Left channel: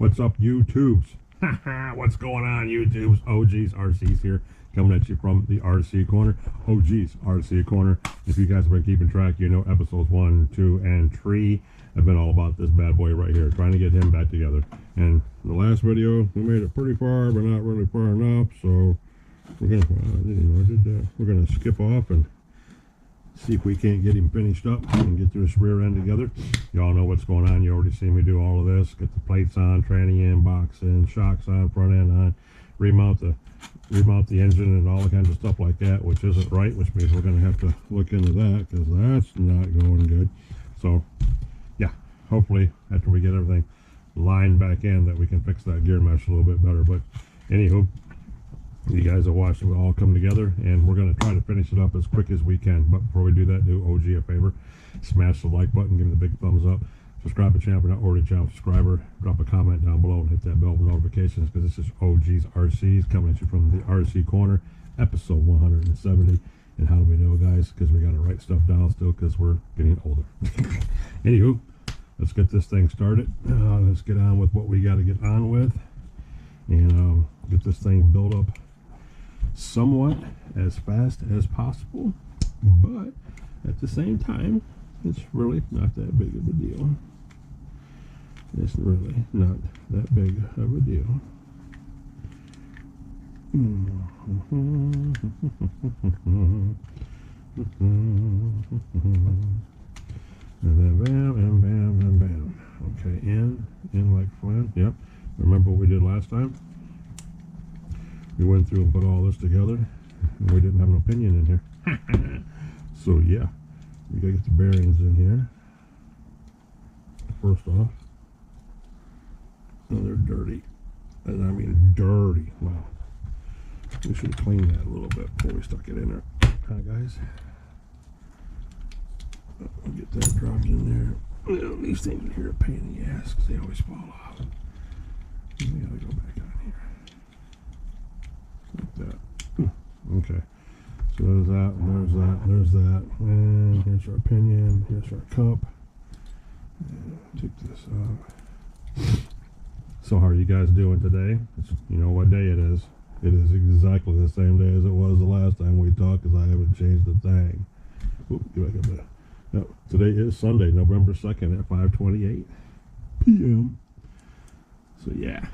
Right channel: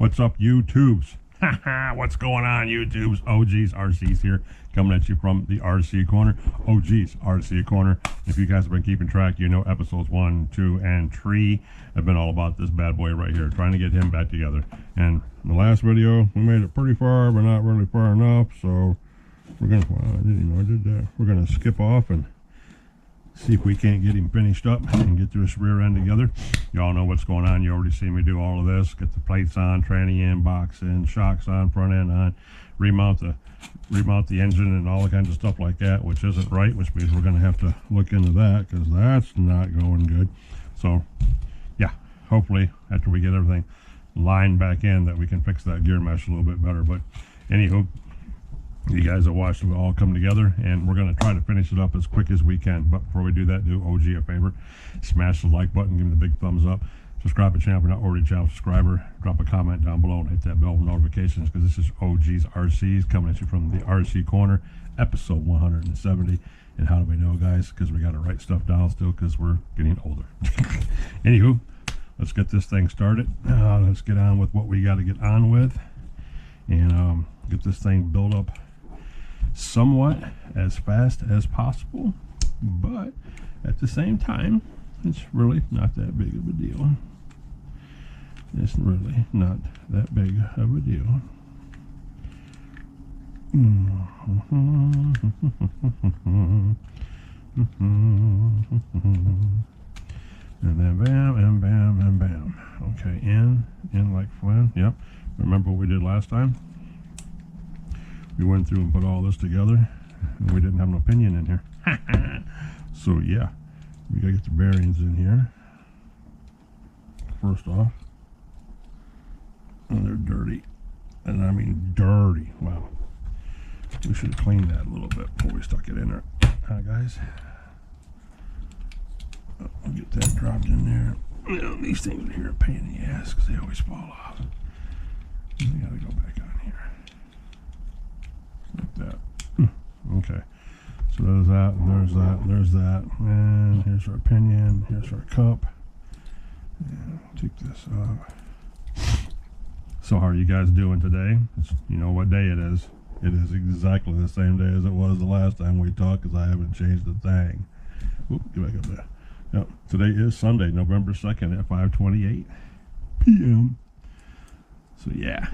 What's up, YouTubes? What's going on, YouTubes? OG's RC's here, coming at you from the RC Corner. OG's RC Corner. If you guys have been keeping track, you know episodes 1, 2, and 3 have been all about this bad boy right here, trying to get him back together. And in the last video, we made it pretty far, but not really far enough. So we're gonna, we're gonna skip off and see if we can't get him finished up and get this rear end together. Y'all know what's going on. You already see me do all of this. Get the plates on, tranny in, box in, shocks on, front end on, remount the engine and all the kinds of stuff like that, which isn't right, which means we're going to have to look into that because that's not going good. So yeah, hopefully after we get everything lined back in that we can fix that gear mesh a little bit better. But anywho, you guys have watched it all come together, and we're going to try to finish it up as quick as we can. But before we do that, do OG a favor, smash the like button, give me the big thumbs up, subscribe to the channel if you're not already a channel subscriber, drop a comment down below, and hit that bell for notifications, because this is OG's RC's coming at you from the RC Corner, episode 170. And how do we know, guys? Because we got to write stuff down still, because we're getting older. Anywho, let's get this thing started. Let's get on with what we got to get on with, and get this thing built up somewhat as fast as possible, but at the same time, it's really not that big of a deal. It's really not that big of a deal. And then bam, and bam, and bam. Okay, in like Flynn. Yep. Remember what we did last time? We went through and put all this together, and we didn't have an opinion in here. So yeah, we gotta get the bearings in here first off. And they're dirty, and I mean dirty. Wow, we should have cleaned that a little bit before we stuck it in there, guys. We'll get that dropped in there. You know, these things are here a pain in the ass because they always fall off. We gotta go back on here. Like that. Okay, so there's that, and there's that, and there's that, and here's our pinion, here's our cup, and take this off. So how are you guys doing today? You know what day it is. It is exactly the same day as it was the last time we talked, because I haven't changed a thing. Oop, get back up there. Yep, today is Sunday, November 2nd at 5:28 p.m. So yeah.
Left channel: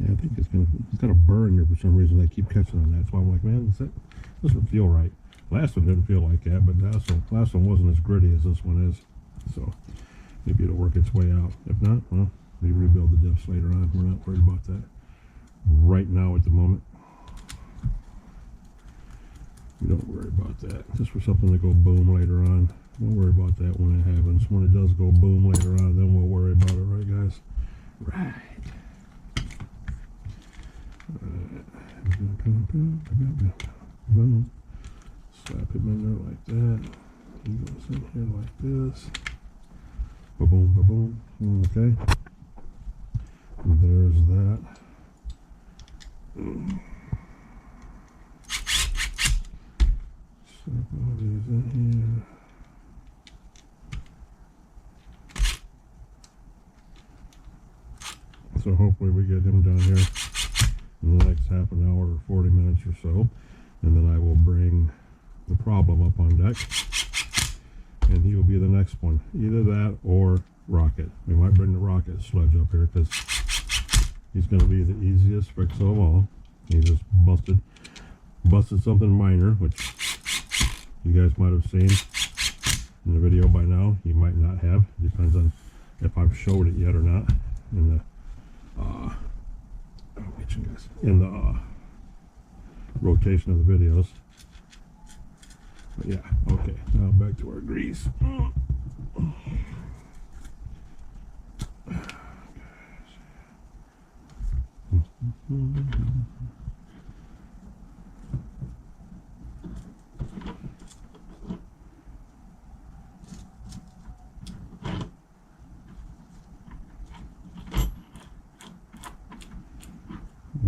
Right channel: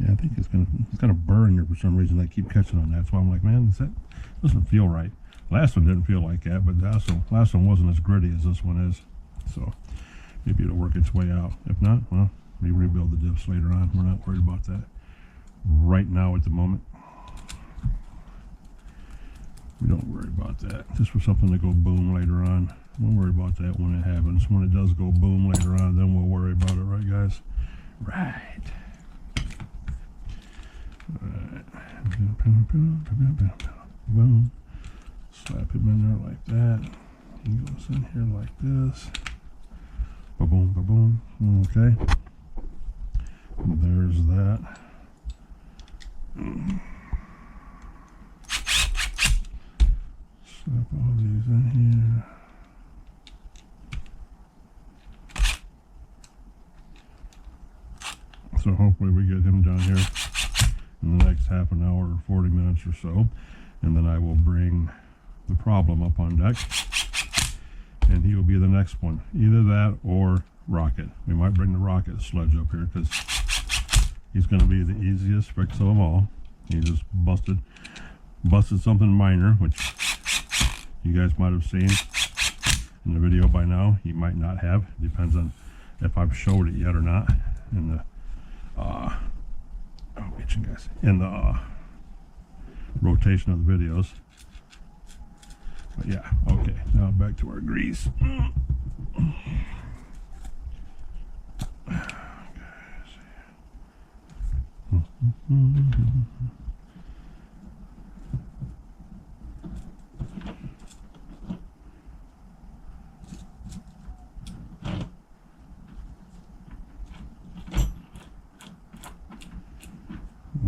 Yeah, I think it's gonna burn here for some reason. I keep catching on that, so I'm like, man, that doesn't feel right. Last one didn't feel like that, but last one wasn't as gritty as this one is. So maybe it'll work its way out. If not, well, we rebuild the diffs later on. We're not worried about that right now at the moment. We don't worry about that. Just for something to go boom later on. We'll worry about that when it happens. When it does go boom later on, then we'll worry about it, right, guys? Right. Boom. Slap him in there like that. He goes in here like this. Ba-boom, ba-boom. Okay. And there's that. Slap all these in here. So hopefully we get him down here in the next half an hour or 40 minutes or so, and then I will bring the problem up on deck, and he will be the next one. Either that or Rocket. We might bring the Rocket sledge up here because he's going to be the easiest fix of them all. He just busted something minor, which you guys might have seen in the video by now. You might not have. Depends on if I've showed it yet or not in the guys, in the rotation of the videos. But yeah, okay, now back to our grease.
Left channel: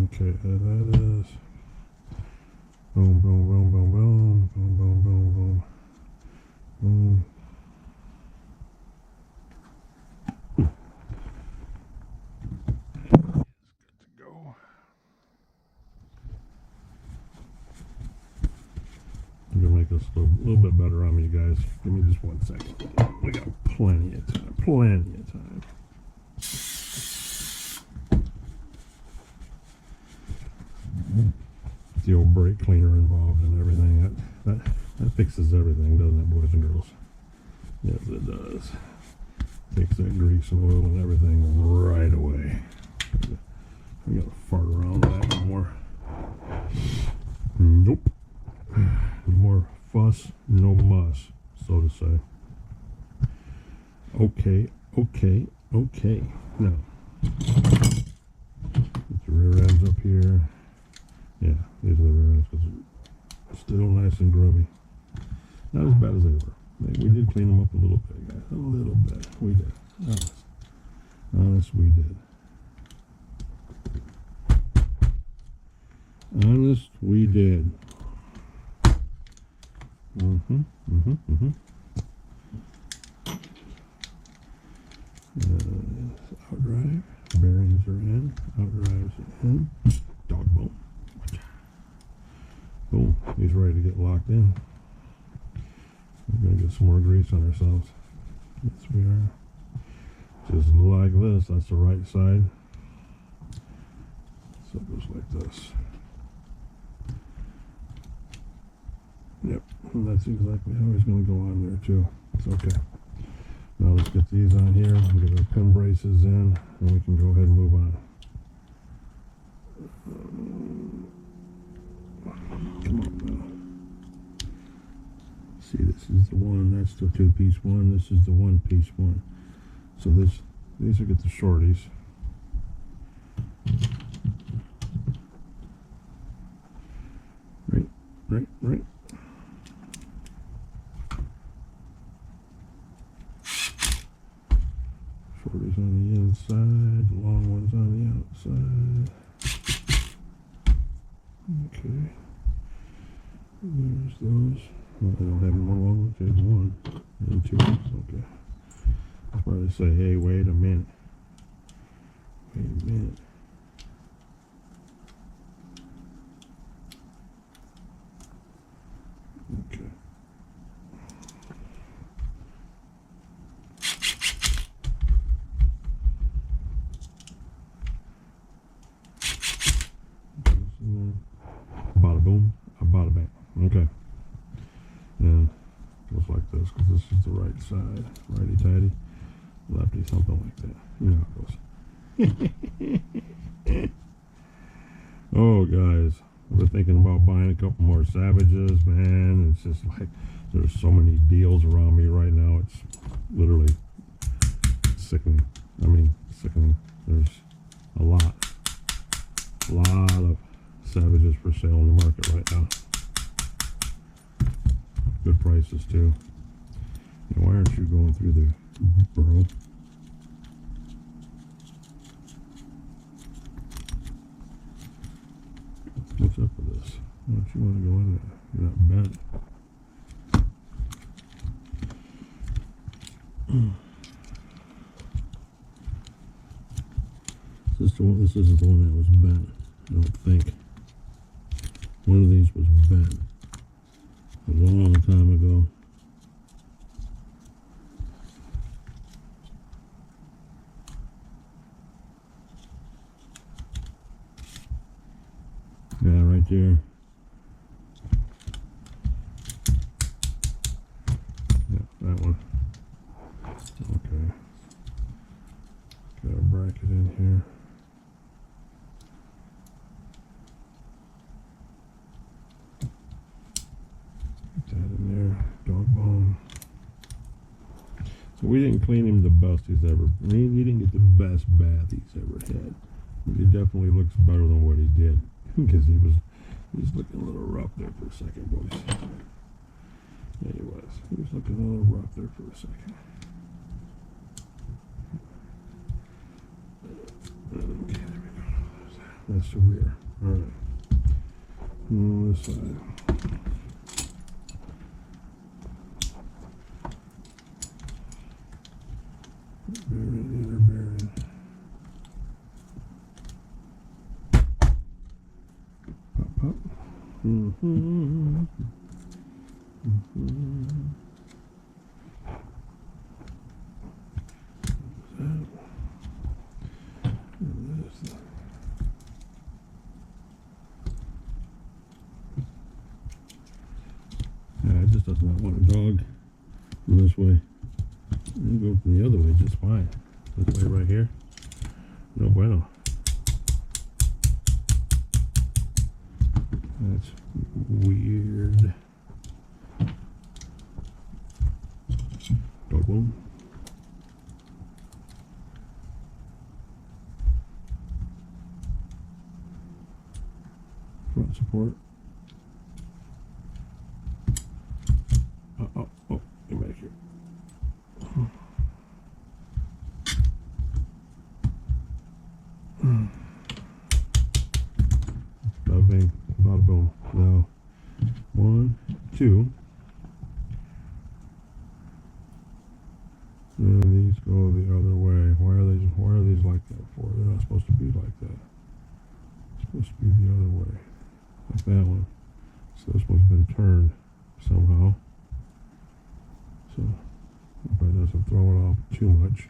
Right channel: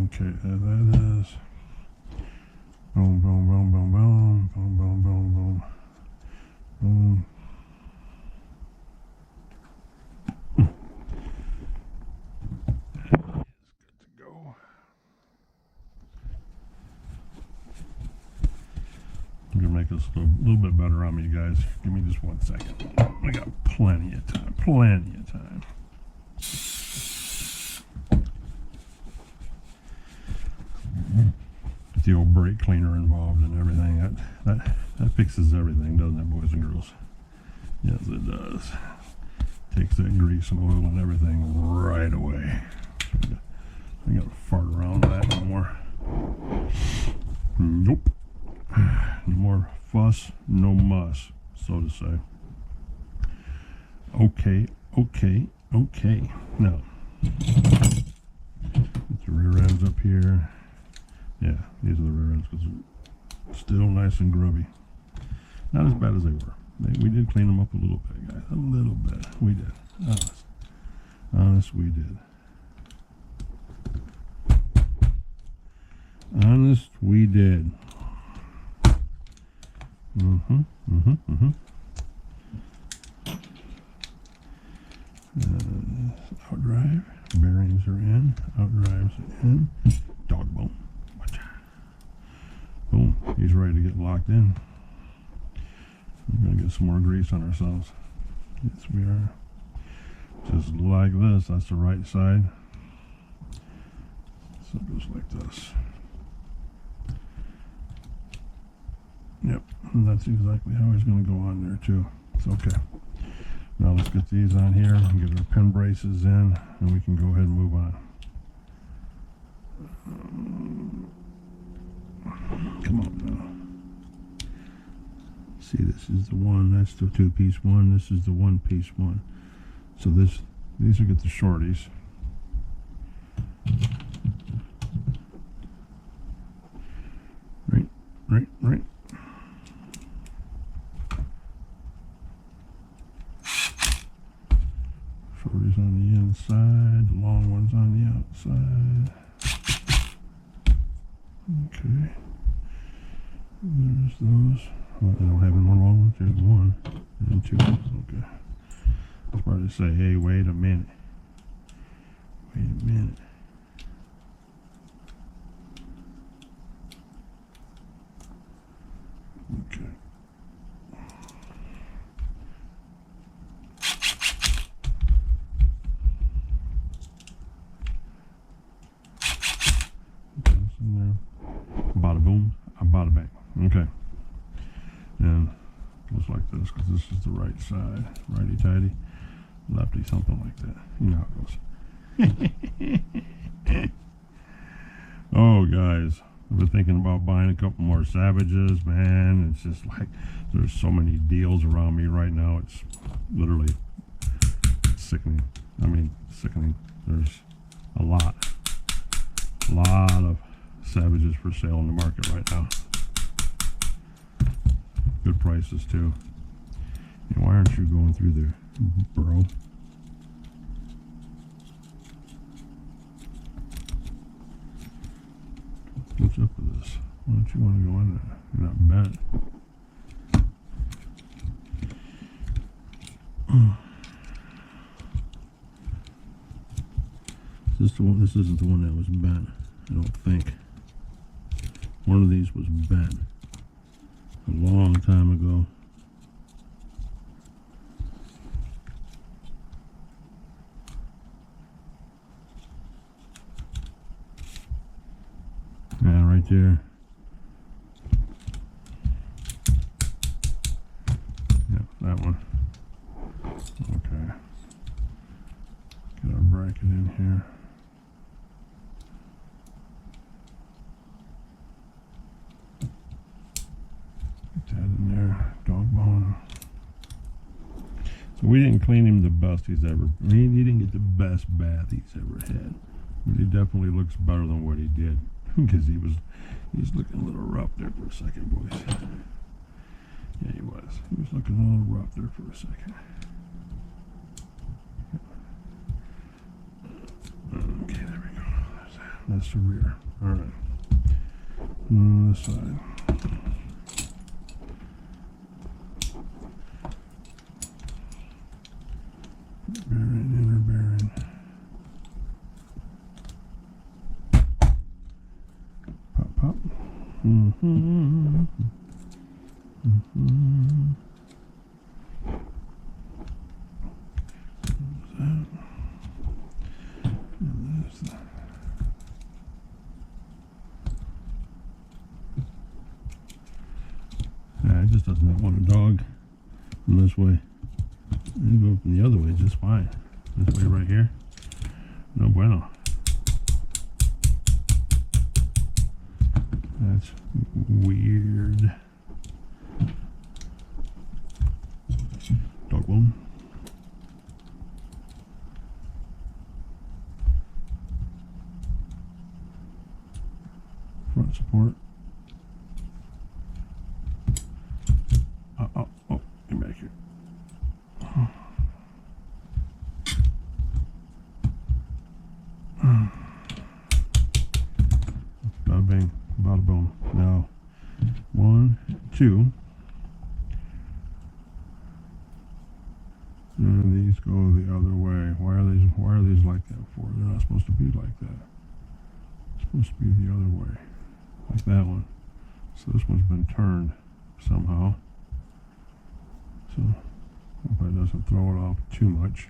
Okay, that is boom, boom, boom, boom, boom, boom, boom, boom, boom, boom. this a little bit better on me, you guys. Give me just 1 second. We got plenty of time. Plenty of time. The old brake cleaner involved and everything. That fixes everything, doesn't it, boys and girls? Yes, it does. Takes that grease and oil and everything right away. I gotta fart around that no more. Nope. No more fuss, no muss, so to say. Okay. Now, get the rear ends up here. Yeah, these are the rear ends because they're still nice and grubby. Not as bad as they were. We did clean them up a little bit, guys. A little bit. We did. Honest, we did. Honest, we did. Outdrive. Bearings are in. Outdrives are in. Dog bone. Boom. He's ready to get locked in. We're going to get some more grease on ourselves. Yes, we are. Just like this. That's the right side. So it goes like this. Yep. And that's exactly how he's going to go on there, too. It's okay. Now let's get these on here and get our pin braces in, and we can go ahead and move on. Come on now. See, this is the one. That's the two-piece one. This is the one-piece one. So these will get the shorties. Right. Shorties on the inside, the long ones on the outside. Okay. There's those. Well, I don't have any more long ones. There's one and two. Okay. I was about to say, hey, wait a minute. Okay. Bada boom, bada bang. Okay. And looks like this because this is the right side. Righty tighty, lefty, something like that. You know how it goes. Oh, guys. I've been thinking about buying a couple more Savages, man. It's just like there's so many deals around me right now. It's literally sickening. I mean, sickening. There's a lot of Savages for sale in the market right now. Good prices too. And why aren't you going through there, bro? What's up with this? Why don't you want to go in there? You're not bad. This isn't the one that was bent, I don't think. One of these was bent a long time ago. Yeah, right there. Yeah, that one. Okay. Get our bracket in here. Get that in there. Dog bone. So we didn't clean him the best he's ever. I mean, he didn't get the best bath he's ever had, but he definitely looks better than what he did. Because he's looking a little rough there for a second, boys. Yeah, he was. He was looking a little rough there for a second. Okay, there we go. That's the rear. All right. On this side. Bearing, inner bearing. Pop. It just does not want a dog from this way. And go from the other way just fine. This way right here, no bueno. That's weird. Dog bone. Front support. Oh, get back here. Bada bing, bada boom. Now, 1, 2. And these go the other way. Why are these like that for? They're not supposed to be like that. It's supposed to be the other way. Like that one. So this one's been turned somehow. So hope it doesn't throw it off too much.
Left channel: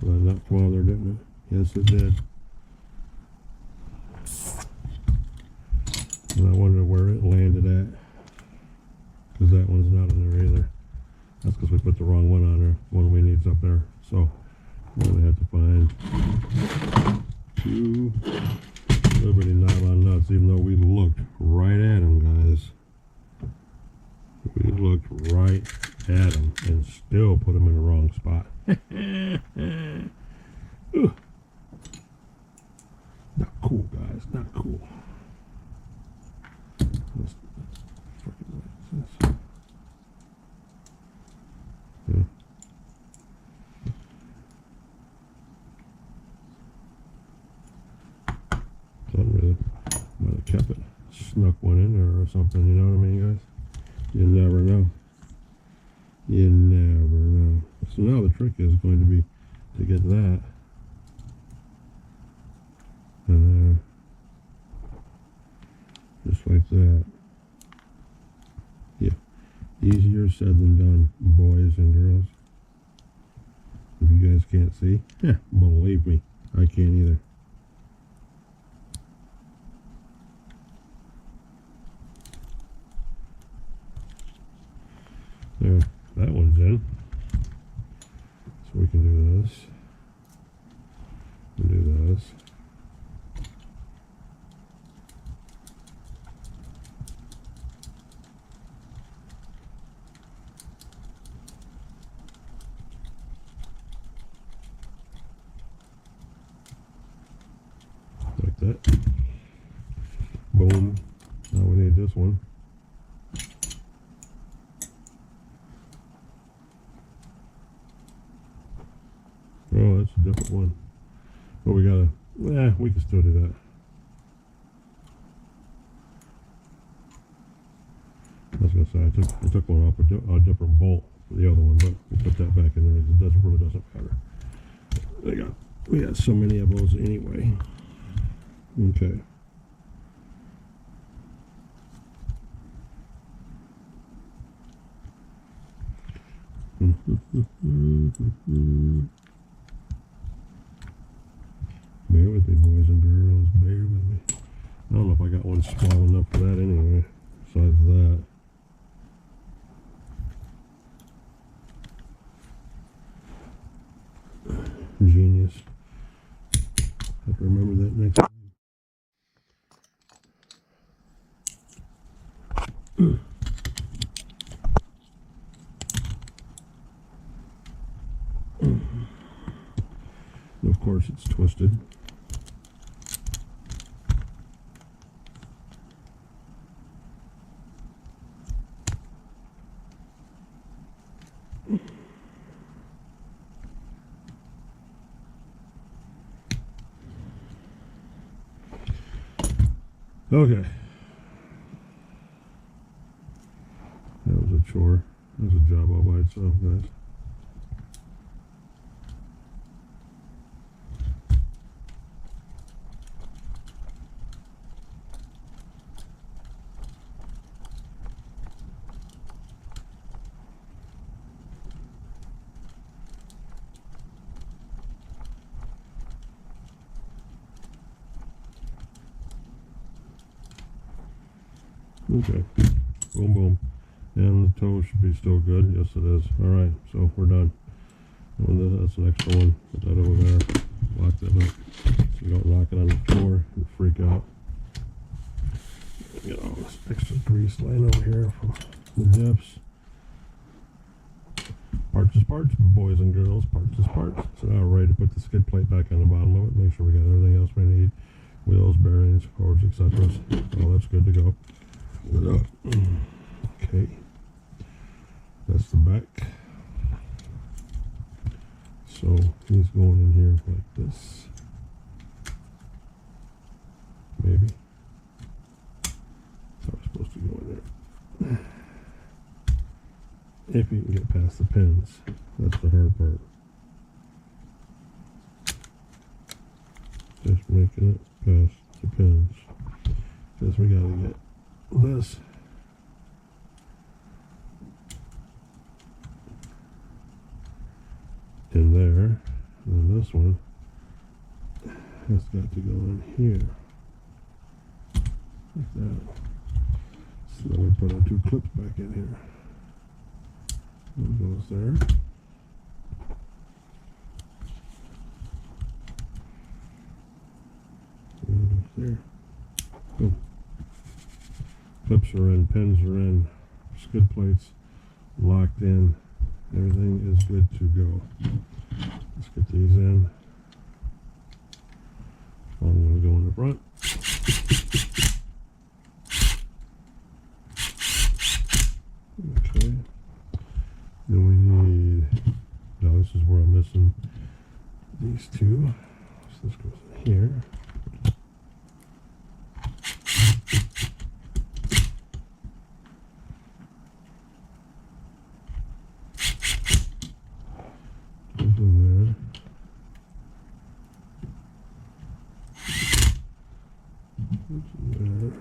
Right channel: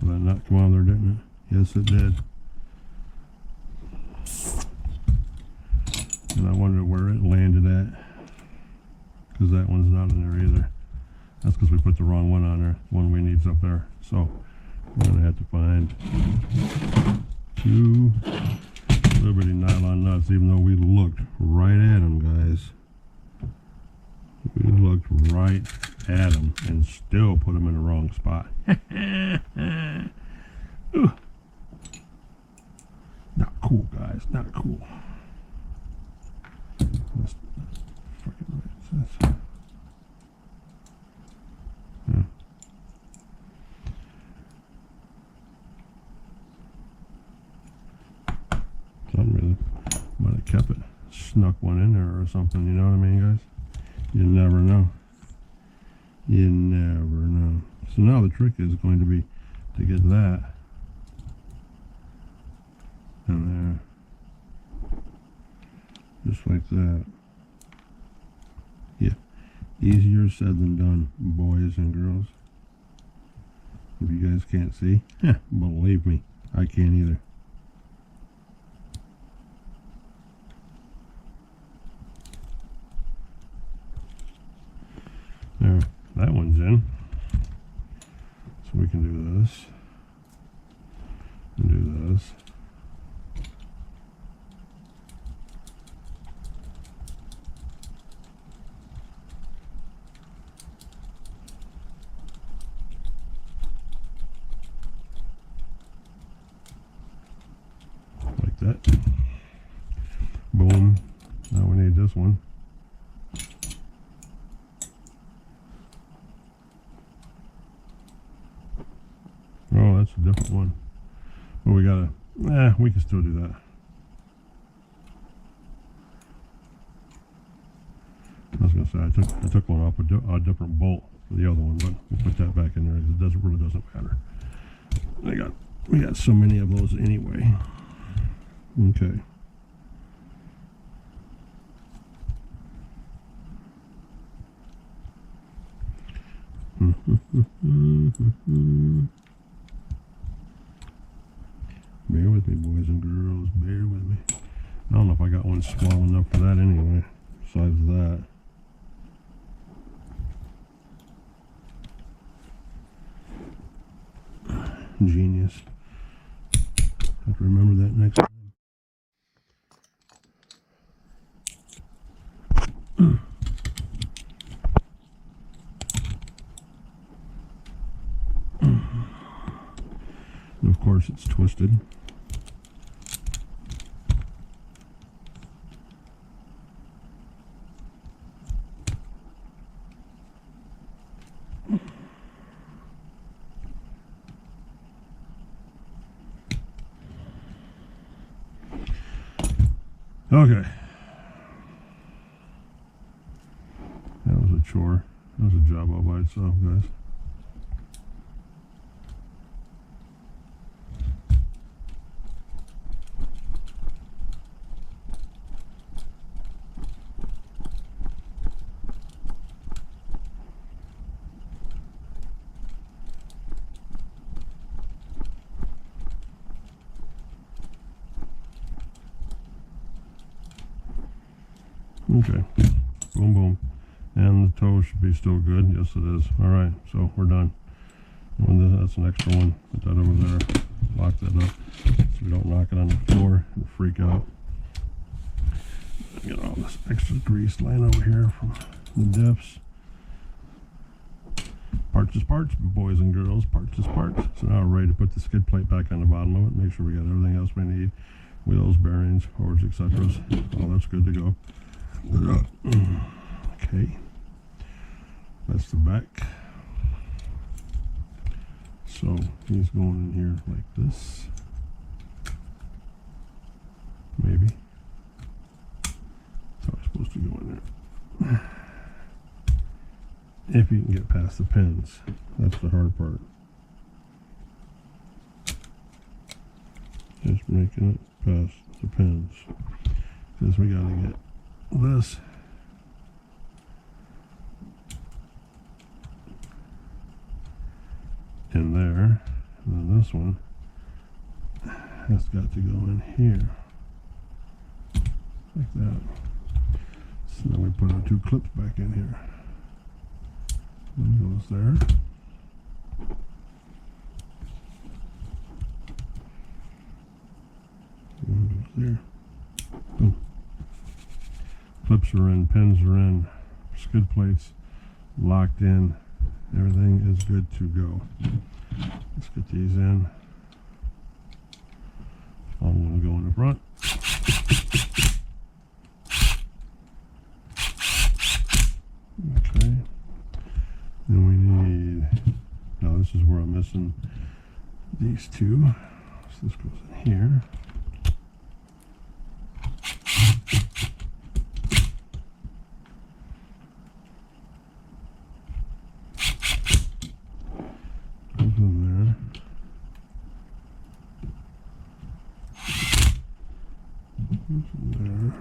Well, that knocked come out of there, didn't it? Yes, it did. And I wonder where it landed at, because that one's not in there either. That's because we put the wrong one on there. One we need's up there. So we're going to have to find 2 Liberty nylon nuts, even though we looked right at them, guys. We looked right at them and still put them in the wrong spot. Not cool, guys. Not cool. That's freaking right. Yeah. Something really might have kept it. Snuck one in there or something, you know what I mean, guys? You never know. You never know. So now the trick is going to be to get that in there. Just like that. Yeah. Easier said than done, boys and girls. If you guys can't see, believe me, I can't either. There, that one's in. So we can do this. And do this. Like that. Boom. Now we need this one. Oh, that's a different one. But we gotta, we can still do that. I was gonna say I took one off a different bolt for the other one, but we put that back in there because it really doesn't matter. We got so many of those anyway. Okay. Bear with me, boys and girls. Bear with me. I don't know if I got one small enough for that anyway. Besides that. Genius. Have to remember that next time. And of course it's twisted. Okay. That was a chore. That was a job all by itself, guys. Okay. Boom, boom. And the toe should be still good. Yes, it is. All right, so we're done. And that's an extra one. Put that over there. Lock that up so we don't knock it on the floor and freak out. Get all this extra grease laying over here from the dips. Parts is parts, boys and girls. Parts is parts. So now we're ready to put the skid plate back on the bottom of it. Make sure we got everything else we need. Wheels, bearings, hoses, etc. All that's good to go. Okay. That's the back. So he's going in here like this. Maybe. That's how it's supposed to go in there. If you can get past the pins. That's the hard part. Just making it past the pins. Because we got to get this in there, and then this one has got to go in here like that. So then we put our two clips back in here. One goes there. One goes there. Boom. Clips are in, pins are in, skid plates locked in. Everything is good to go. Let's get these in. Long one go in the front. Okay. Then we need, no, this is where I'm missing these two. So this goes in here. Goes in there. Goes in there.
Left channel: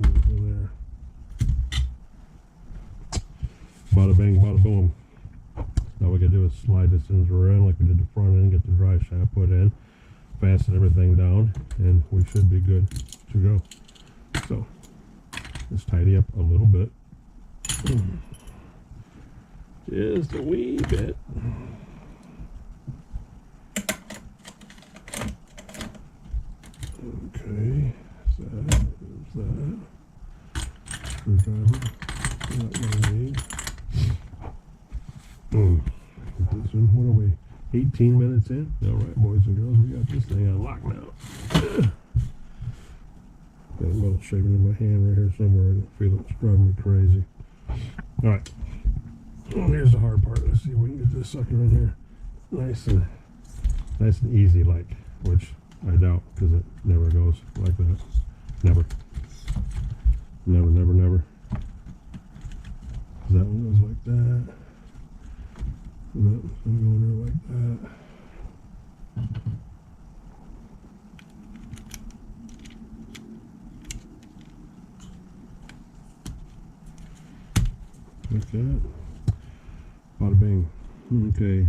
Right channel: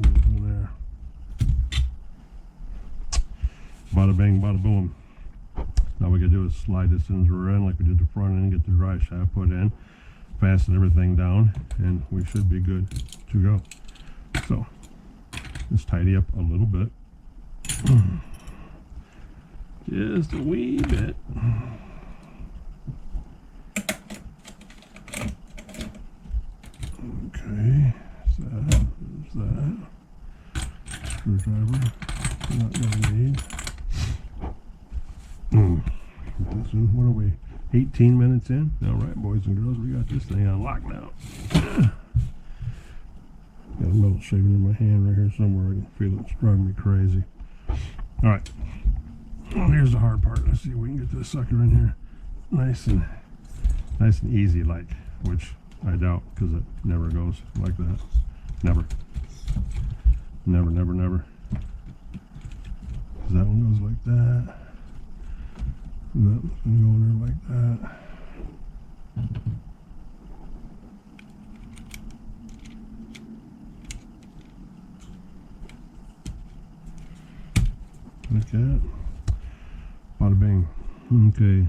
Goes in there. Bada bang, bada boom. Now we gotta do is slide this into our end like we did the front end, get the dry shaft put in, fasten everything down, and we should be good to go. So let's tidy up a little bit. Just a wee bit. Okay, there's that. Screwdriver, not gonna need. This one, what are we, 18 minutes in? All right, boys and girls, we got this thing on lock now. Got a metal shaving in my hand right here somewhere. I can feel it's driving me crazy. All right, well, here's the hard part. Let's see if we can get this sucker in here nice and easy, like, which I doubt, because it never goes like that. Never. Never, never, never. Because that one goes like that. And that one's going to go in there like that. Like that. Bada bing. Okay.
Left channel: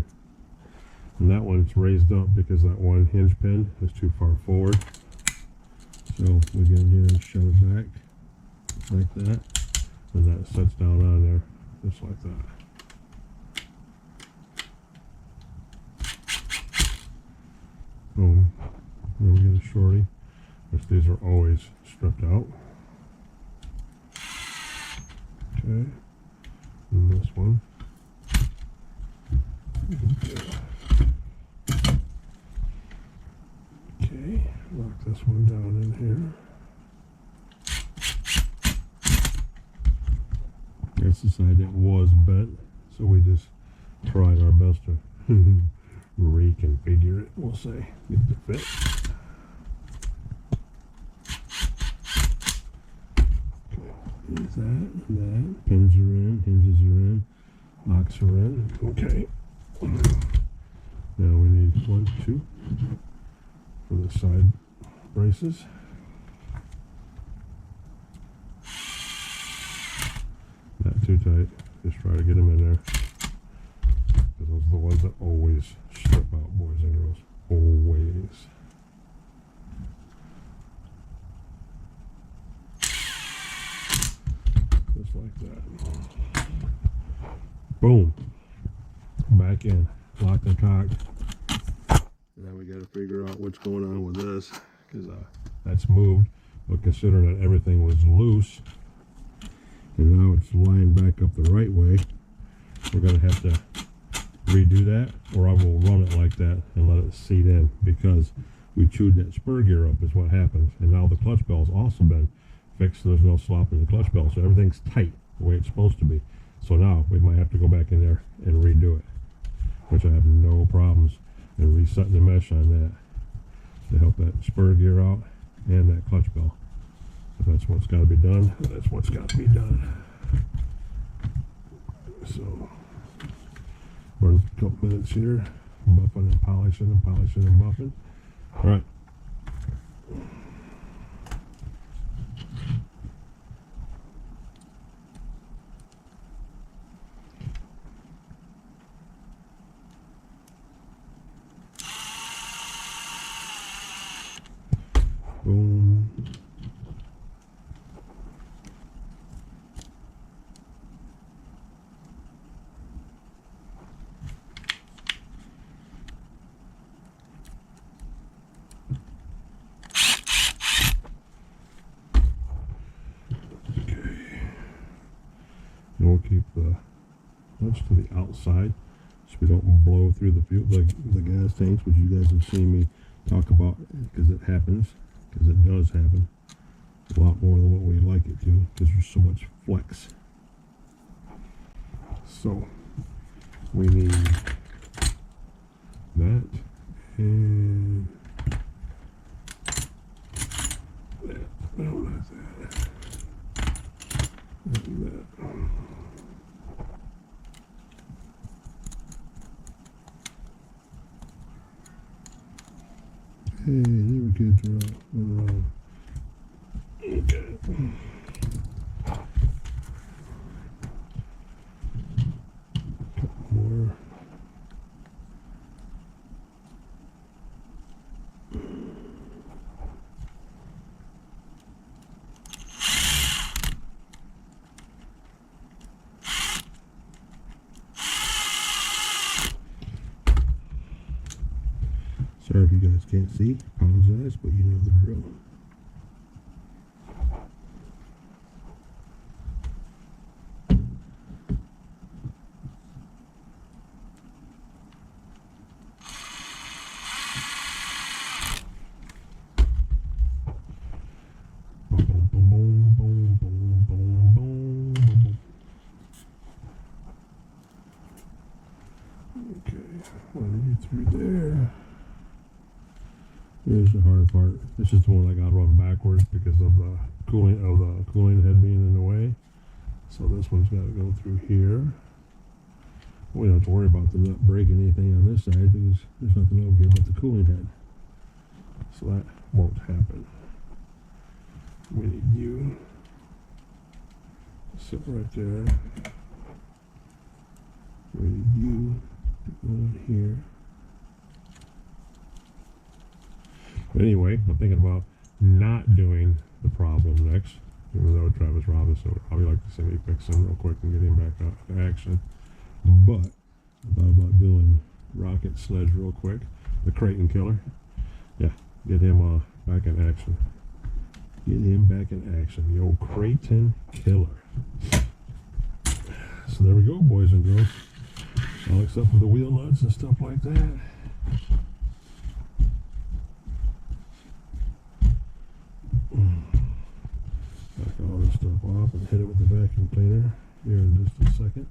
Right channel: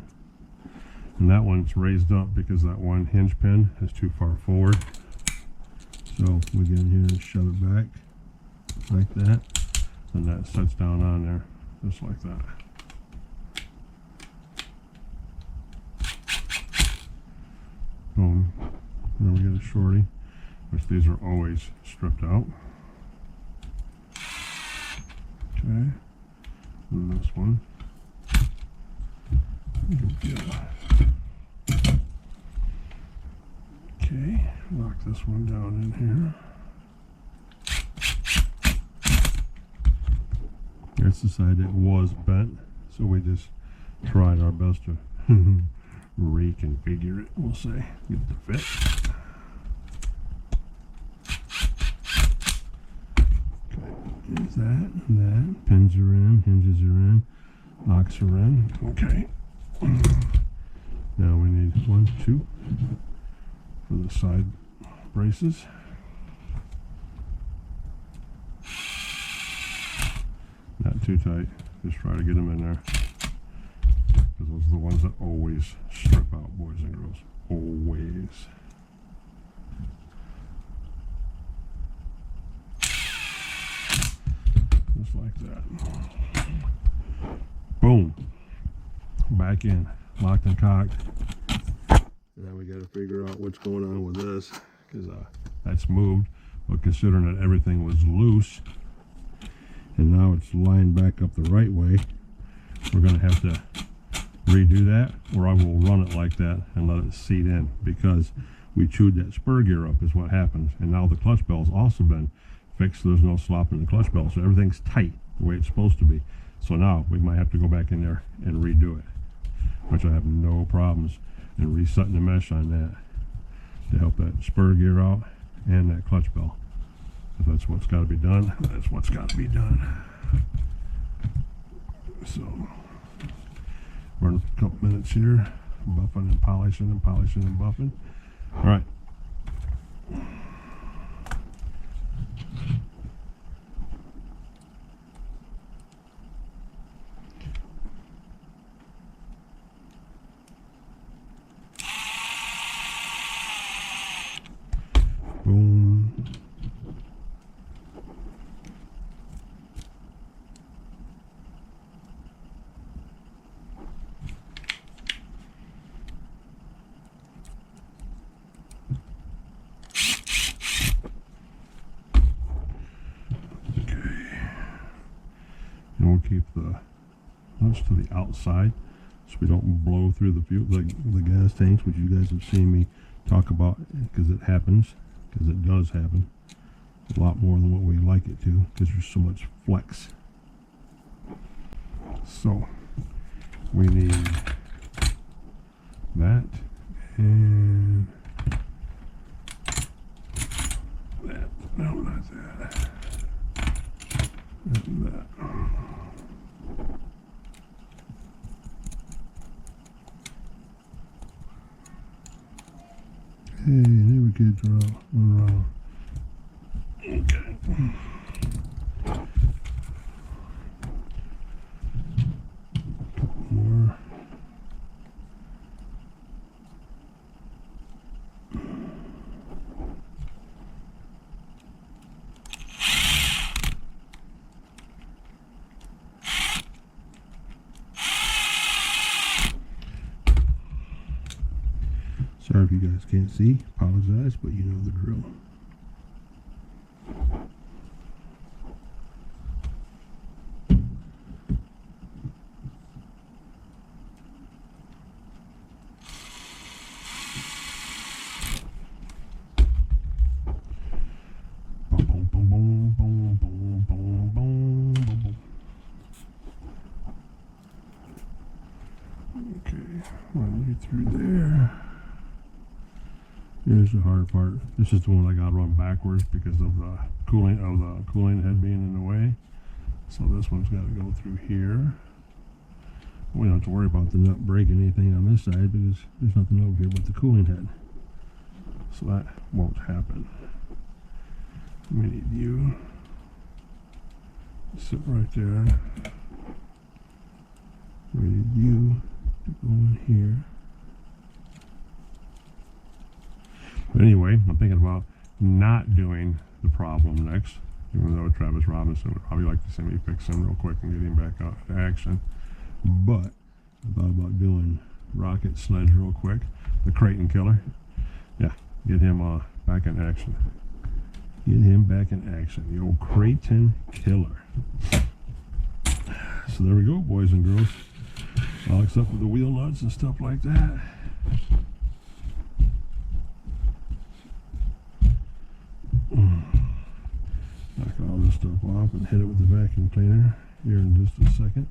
And that one's raised up because that one hinge pin is too far forward. So we get in here and shove it back like that. And that sets down on there just like that. Boom. Then we get a shorty, which these are always stripped out. Okay. And this one. Okay. Lock this one down in here. That's the side that was bent, so we just tried our best to reconfigure it, we'll say, get it to fit. There's that and that. Pins are in, hinges are in, locks are in. Okay. Now we need 1, 2 for the side braces. Not too tight. Just try to get them in there. Because those are the ones that always strip out, boys and girls. Always. Just like that. Boom. Back in. Locked and cocked. And then we got to figure out what's going on with this. Because that's moved. But considering that everything was loose, and now it's lined back up the right way, we're going to have to redo that, or I will run it like that and let it seat in, because we chewed that spur gear up is what happens. And now the clutch bell's also been fixed. There's no slop in the clutch bell, so everything's tight the way it's supposed to be. So now we might have to go back in there and redo it, which I have no problems in resetting the mesh on that to help that spur gear out and that clutch bell. If that's what's got to be done, that's what's got to be done. So, burn a couple minutes here, buffing and polishing and polishing and buffing. All right. Boom. And we'll keep the nuts to the outside so we don't blow through the fuel, the gas tanks, which you guys have seen me talk about, because it happens, because it does happen a lot more than what we like it to, because there's so much flex. So we need that and that. No, not that. And that. Hey, neighbor kids are out, running around. Okay. Couple more. Sorry if you guys can't see, apologize, but you know the drill. Boom, boom, boom, boom, boom, boom, boom, boom. Okay, run you through there. Here's the hard part. This is the one I got to run backwards because of the cooling head being in the way. So this one's got to go through here. We don't have to worry about the nut breaking anything on this side because there's nothing over here but the cooling head. So that won't happen. We need you to sit right there. We need you to go in here. But anyway, I'm thinking about not doing the problem next, even though Travis Robinson would probably like to see me fix him real quick and get him back out into action. But I thought about doing Rocket Sledge real quick, the Creighton Killer. Yeah, get him back in action. Get him back in action, the old Creighton Killer. So there we go, boys and girls. All except for the wheel nuts and stuff like that. Knock all this stuff off and hit it with the vacuum cleaner here in just a second.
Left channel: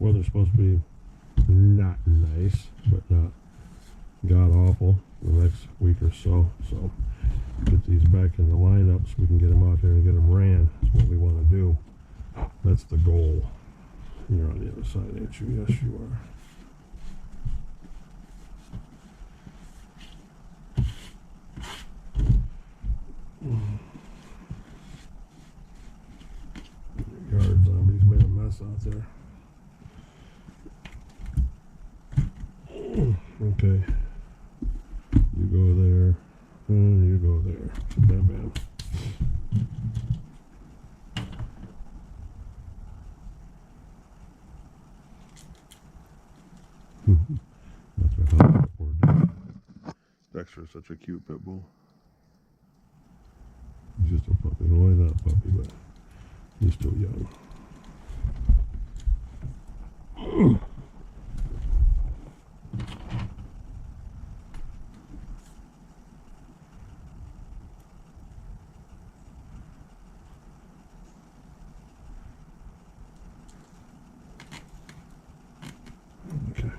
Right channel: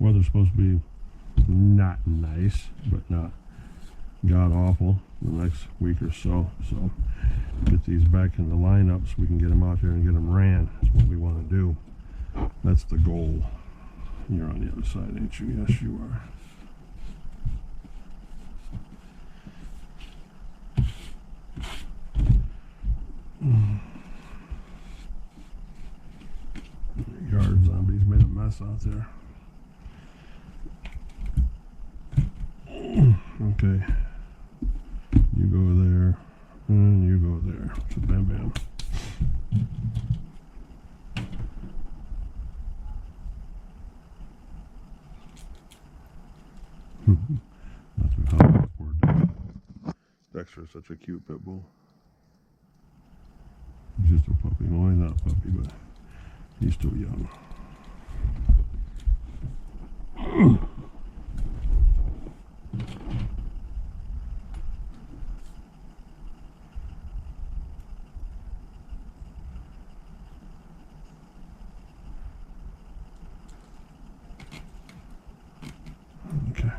Weather's supposed to be not nice, but not god awful the next week or so. So Get these back in the lineup so we can get them out there and get them ran. That's what we want to do. That's the goal. You're on the other side, ain't you? Yes, you are. Yard zombies made a mess out there. Okay. You go there, and you go there. So bam, bam. That's what happened. Poor Dexter. Dexter is such a cute pit bull. He's just a puppy. Well, he's not a puppy, but he's still young. Okay.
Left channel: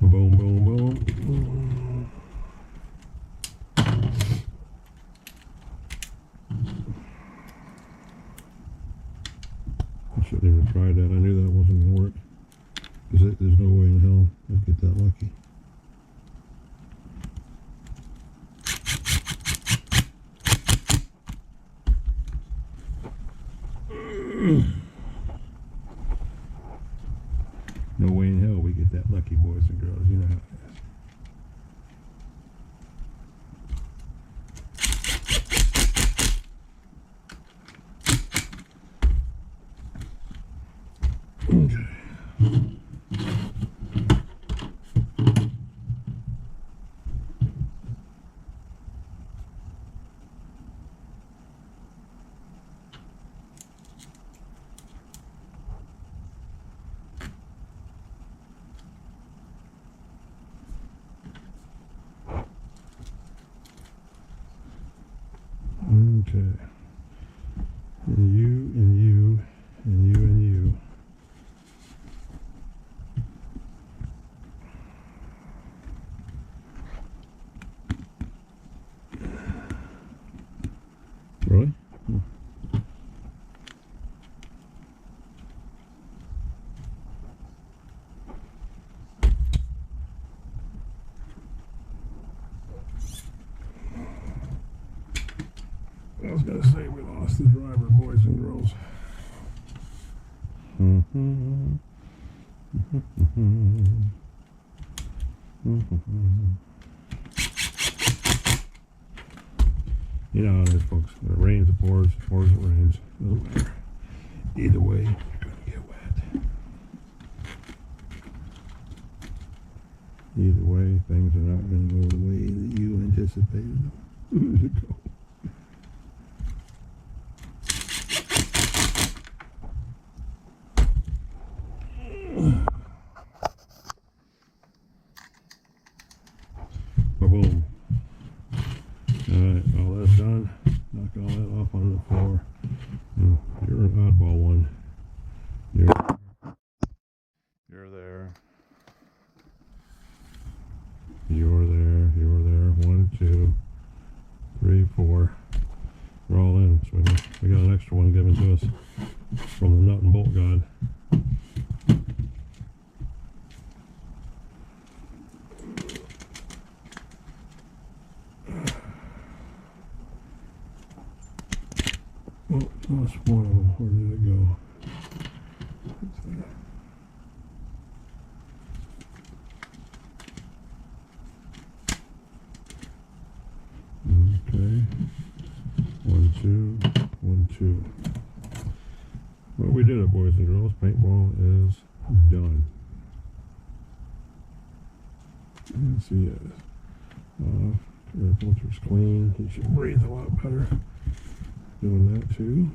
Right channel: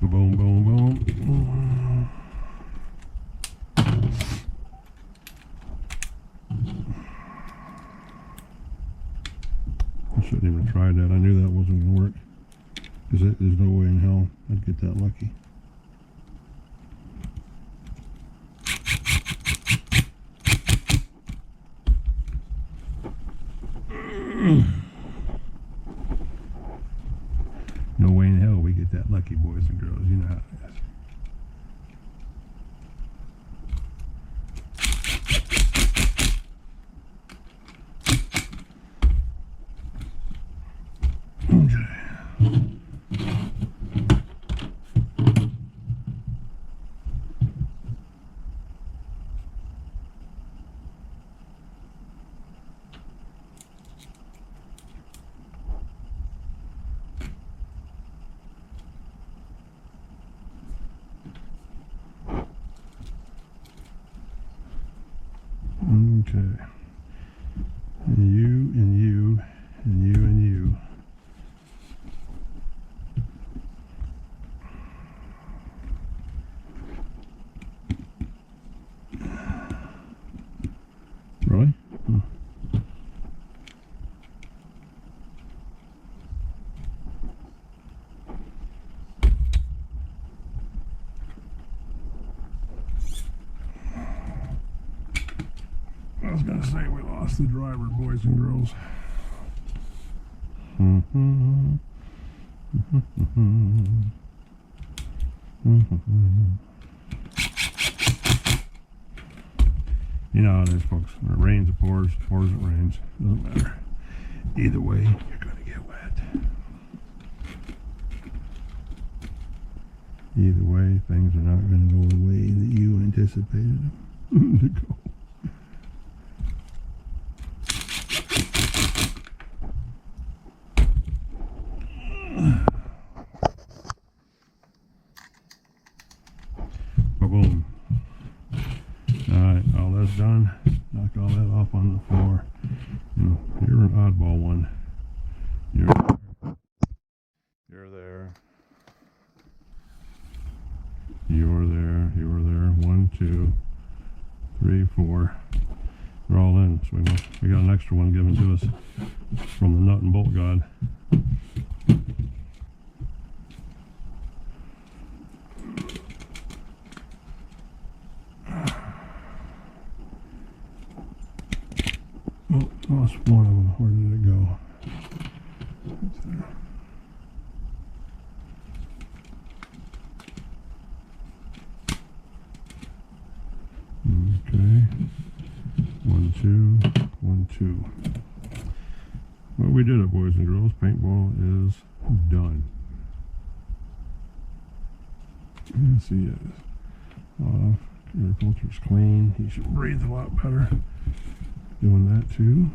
Boom, boom, boom. I shouldn't even try that. I knew that wasn't going to work. Because there's no way in hell I'd get that lucky. No way in hell we get that lucky, boys and girls. You know how it is. Okay. Okay. And you, and you, and you, and you. Really? Huh. I was going to say we lost the driver, boys and girls. You know how it is, folks. When it rains, it pours. It pours, it rains. Doesn't matter. Either way, you're going to get wet. Either way, things are not going to go the way that you anticipated them to go. Boom. Alright, all that's done. Knock all that off on the floor. You know, you're an oddball one. You're there. You're there. 1, 2, 3, 4. They're all in. So we got an extra one given to us from the nut and bolt god. Oh, lost one of them. Where did it go? It's there. Okay. 1, 2, 1, 2. Well, we did it, boys and girls. Paintball is done. Yes, he is. Off. Air filter's clean. He should breathe a lot better. Doing that too.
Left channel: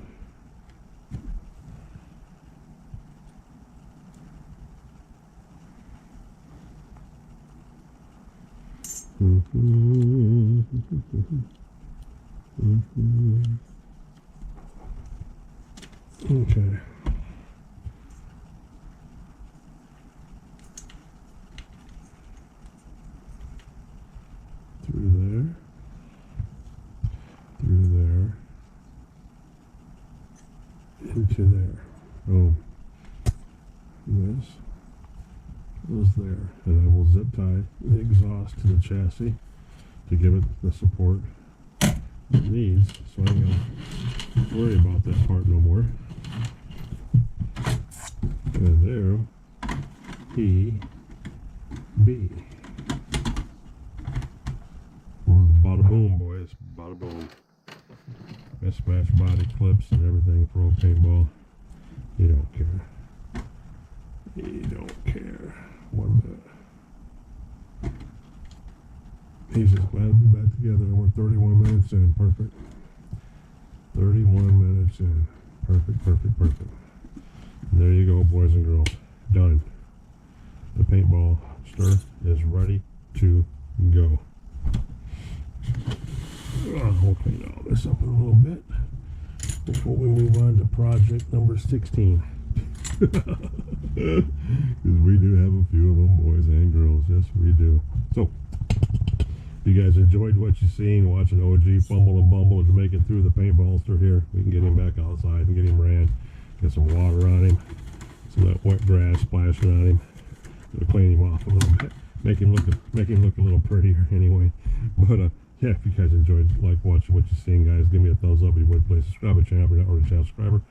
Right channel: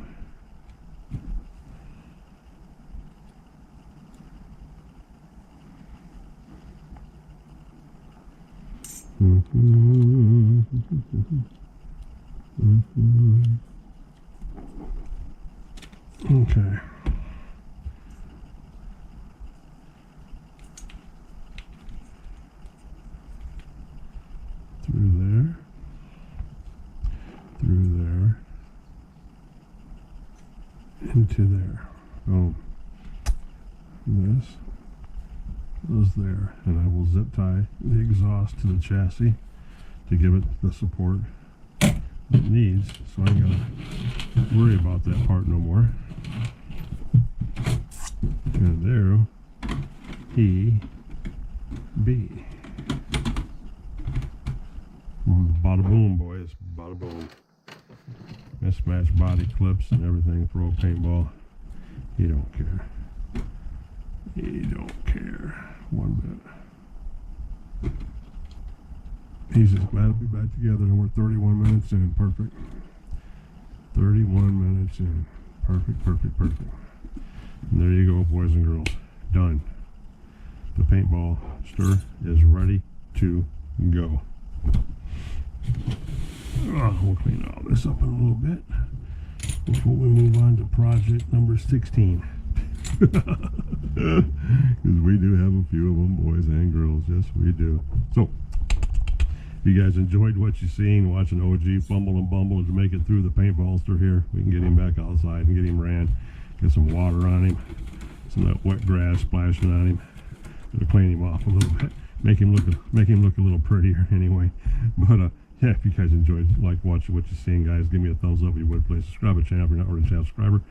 Okay. Through there. Through there. Into there. Boom. This goes there. And I will zip tie the exhaust to the chassis to give it the support it needs, so I ain't gotta worry about that part no more. And there he be. Bada boom, boys. Bada boom. Mismatched body clips and everything for old paintball. He don't care. He don't care one bit. He's just glad to be back together, and we're 31 minutes in. Perfect. 31 minutes in. Perfect, perfect, perfect. And there you go, boys and girls. Done. The paintball stir is ready to go. We'll clean all this up in a little bit before we move on to project number 16. Because we do have a few of them, boys and girls. Yes, we do. So, if you guys enjoyed what you seen, watching OG fumble and bumble to make it through the paintball stir here, we can get him back outside and get him ran, get some water on him, some of that wet grass splashing on him. It'll clean him off a little bit, make him look a little prettier anyway. But yeah, if you guys enjoyed, like watching what you're seeing, guys, give me a thumbs up if you would, please. Subscribe to the channel if you're not already a channel subscriber.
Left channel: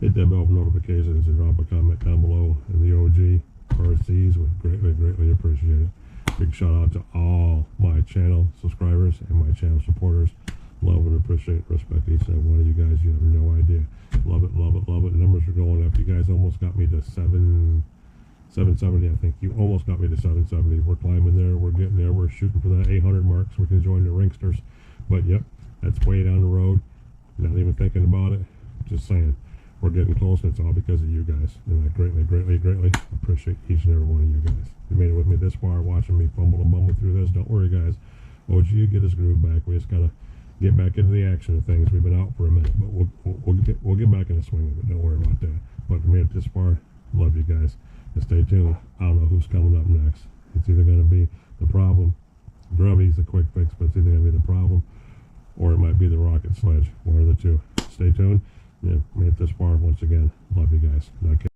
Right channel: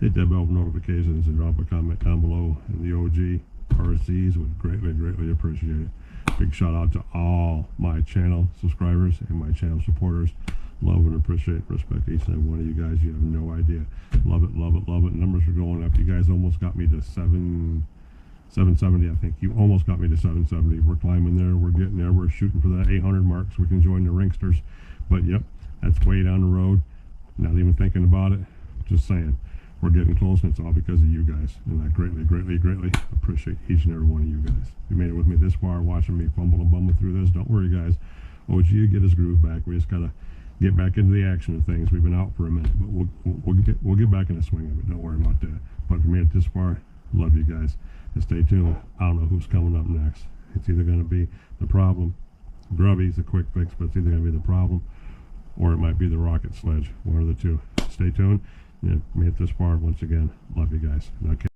Hit that bell for notifications and drop a comment down below. And the OG RCs would greatly, greatly appreciate it. Big shout out to all my channel subscribers and my channel supporters. Love and appreciate, respect each and every one of you guys. You have no idea. Love it, love it, love it. Numbers are going up. You guys almost got me to 770, I think. You almost got me to 770. We're climbing there. We're getting there. We're shooting for that 800 mark so we can join the Ringsters. But yep, that's way down the road. Not even thinking about it. Just saying. We're getting close, and it's all because of you guys. And I greatly, greatly, greatly appreciate each and every one of you guys. You made it with me this far, watching me fumble and bumble through this. Don't worry, guys. OG will get his groove back. We just gotta get back into the action of things. We've been out for a minute, but we'll get back in the swing of it. Don't worry about that. But if you made it this far, love you guys. And stay tuned. I don't know who's coming up next. It's either gonna be the problem. Grubby's a quick fix, but it's either gonna be the problem, or it might be the rocket sledge. One of the two. Stay tuned. Yeah, made it this far. Once again, love you guys. Okay.